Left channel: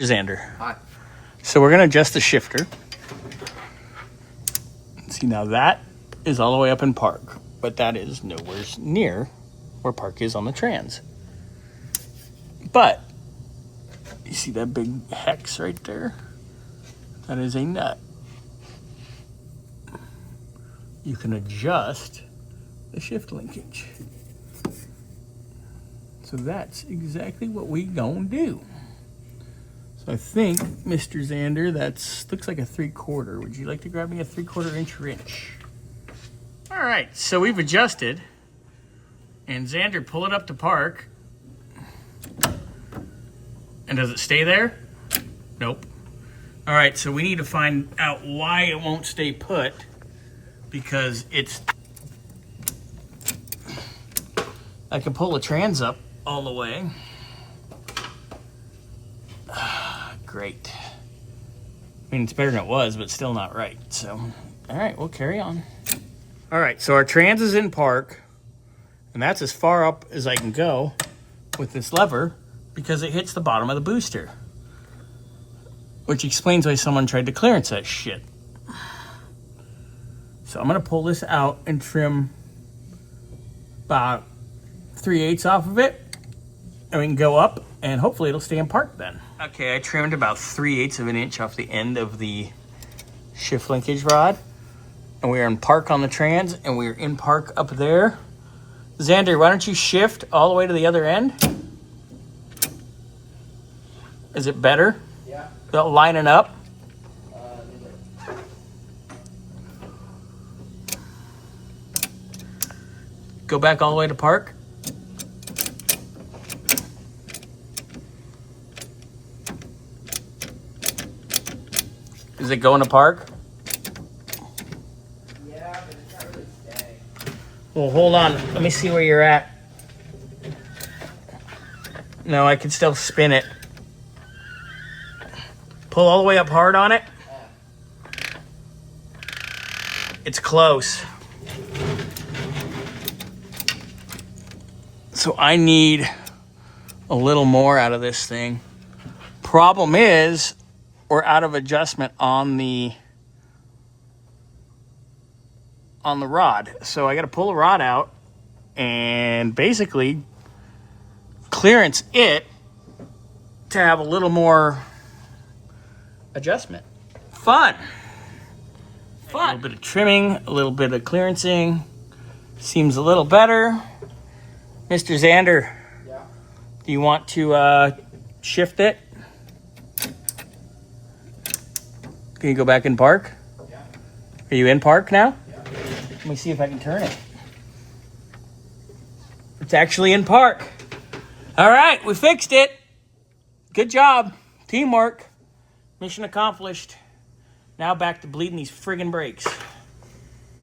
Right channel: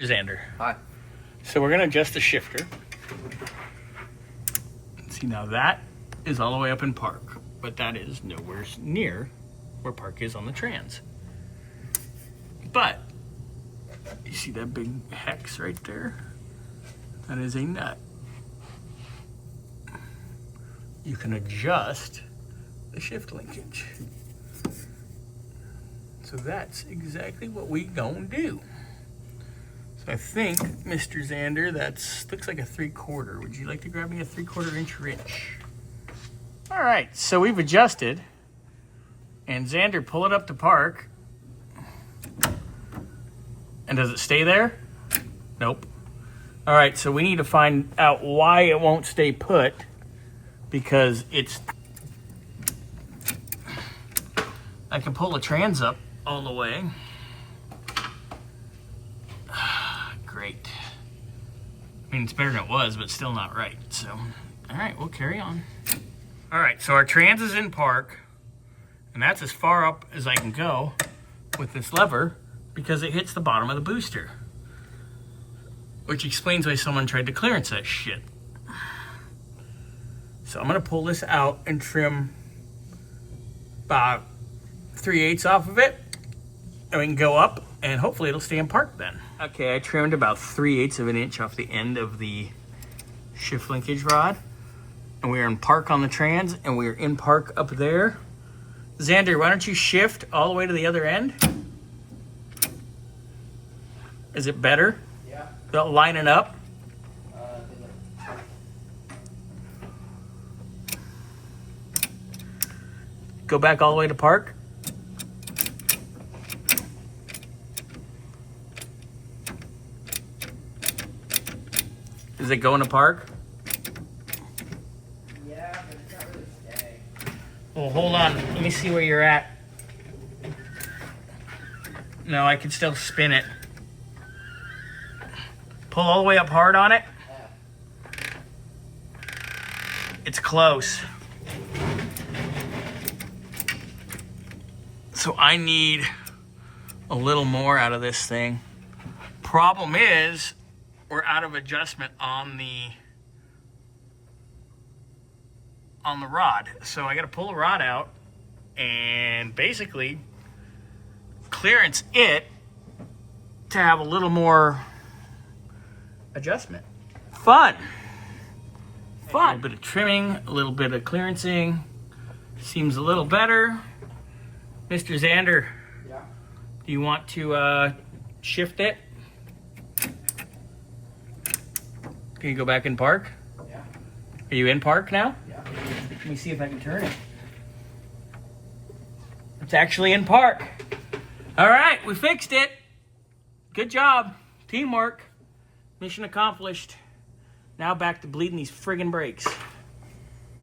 Xander. Hi. So we're gonna adjust the shifter. See, now that is all the way up in park, but that is nowhere near where park is on the trans. But you see that big hex right there? That is a nut. You can adjust the shift linkage. So that's exactly what we gonna do. So I think, Mr. Xander, that's looks like a 3/4. Would you like to grab me a 3/4 inch wrench? All right, so we've adjusted. And Xander, pull it up to park. And does it stay there? Nope. All right, so we need to find out why it won't stay put, because it's, I can pull the trans up all the way. Great. I mean, it's better than it was, but still not right. So, all right, we'll carry on. All right, so our trans is in park, and that's as far up as I can go with this lever because it hits the bottom of the booster, which explains why someone tried to clearance that shit. So I'm gonna pull this out and trim about 3/8 off of it, and we can go up, and hopefully it'll stay in park then. Okay, I trimmed about 3/8 of an inch off the end of the shift linkage rod, and we are in park on the trans, and we are in park up there. Xander, why don't you shift all the way to the other end? Is it better? Yeah. Lining up? Go back all the way to park. Is it going to park? Yeah, but it's not really staying. Well, hold on. Let me see where you're at. No, I can still spin it. Pull all the way up hard on it. It's close. So I need a little more out of this thing. Problem is, we're out of adjustment on the rod. So I got to pull the rod out and basically clearance it to have a little more adjustment. Fun. A little bit of trimming, a little bit of clearancing. Seems a little better. Mr. Xander, Yeah. do you want to shift it? Can you go back in park? Yeah. Are you in park now? Yeah. Let me see if I can turn it. It's actually in park. All right, we fixed it. Good job. Teamwork. Mission accomplished. Now back to bleeding these friggin' brakes.